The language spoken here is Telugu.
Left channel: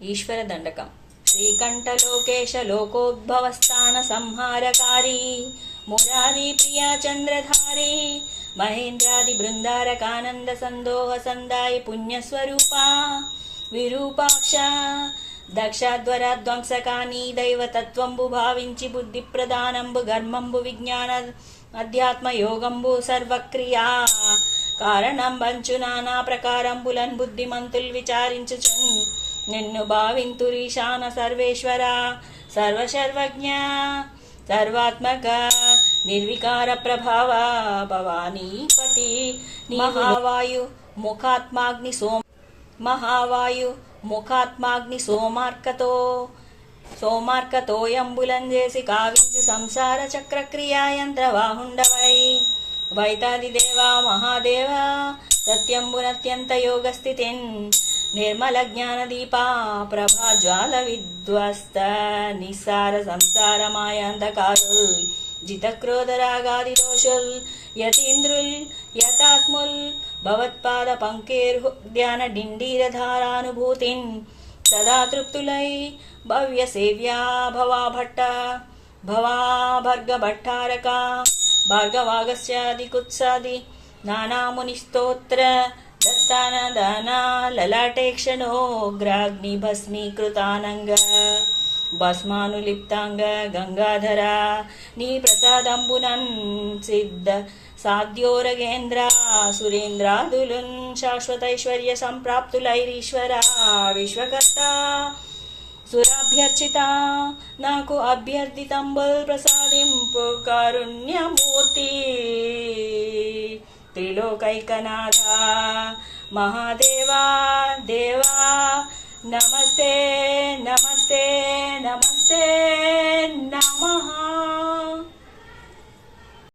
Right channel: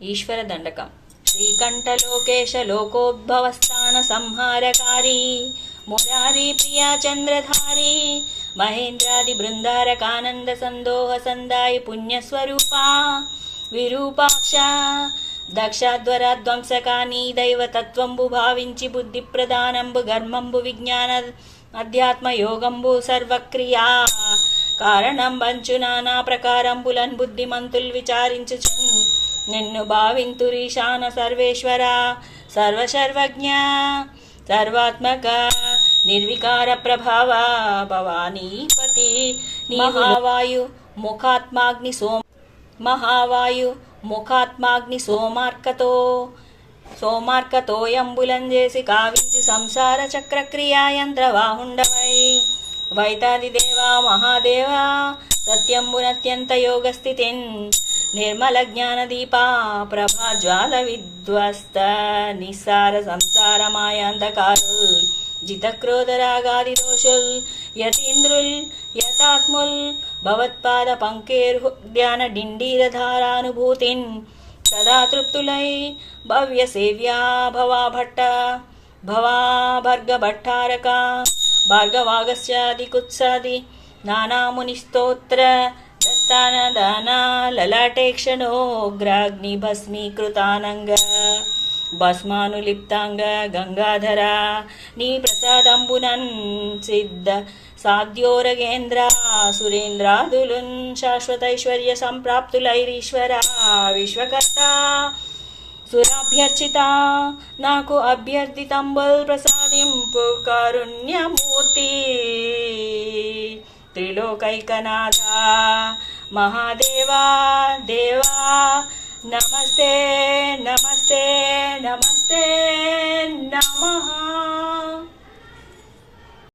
ఈశ్వర దండకం. శ్రీకంఠలోకేశ లోకోద్భవస్థాన సంహారకారీ మురారి ప్రియా చంద్రధారీ మహేంద్రాది బృందారకానంద సందోహ సందాయి పుణ్యస్వరూప విరూపాక్ష దక్షాధ్వర ధ్వంసకాని దైవతత్వంబు భావించి బుద్ధి ప్రధానంబు గర్మంబు విజ్ఞాన అధ్యాత్మ యోగంబు సర్వక్రియా కారణం బంచు నానా ప్రకారంబులన్ బుద్ధిమంతుల్ విచారించుచున్ నిన్ను భావింతురీశాన సర్వేశ్వర సర్వసర్వజ్ఞ సర్వాత్మక నిర్వికార ప్రభావ భవానీపతి మహావాయు ముఖాత్మాగ్ని సోమ మహావాయు ముఖాత్మాగ్ని సోమార్కతో సోమార్కతోయంబులం చేసి కావించి సంసార చక్రక్రియా యంత్రవాహుండవై. వైతాలి దేవా మహాదేవా సత్యంబునత్యంత యోగస్థితిన్. నిర్మల జ్ఞాన దీపా ప్రభా జ్వాల విధ్వస్త నిస్సార సంసార మాయాంధకారుల్ జితక్రోధ రాగాది దోషుల్ యతీంద్రుల్ యతాత్ముల్ భవత్పాద పంకేర్హృద్యాన డిండీరధారానుభూతిన్ సదా తృప్తులై భవ్య సేవ్యా భవా భట్ట భవా భర్గ భట్టారక భార్గవాగస్యాది కుత్సాది నానాముని స్తోత్ర దత్తాన దానా భస్మీకృతానంగ భస్మానులిప్తాంగ గంగాధర నీ ప్రసాదంబునన్ సిద్ధ సాధ్యోరగేంద్ర సురేంద్రాదులున్ శాశ్వతైశ్వర్య సంప్రాప్తులైరీశ్వర విశ్వకర్త సురాభ్యర్చిత నాకు అభ్యర్థితంబుల్ ప్రసాదింపు కారుణ్యమూర్తి. త్రిలోకైకనాథ महादेवा देवा नमस्ते नमस्ते नमस्ते नमः।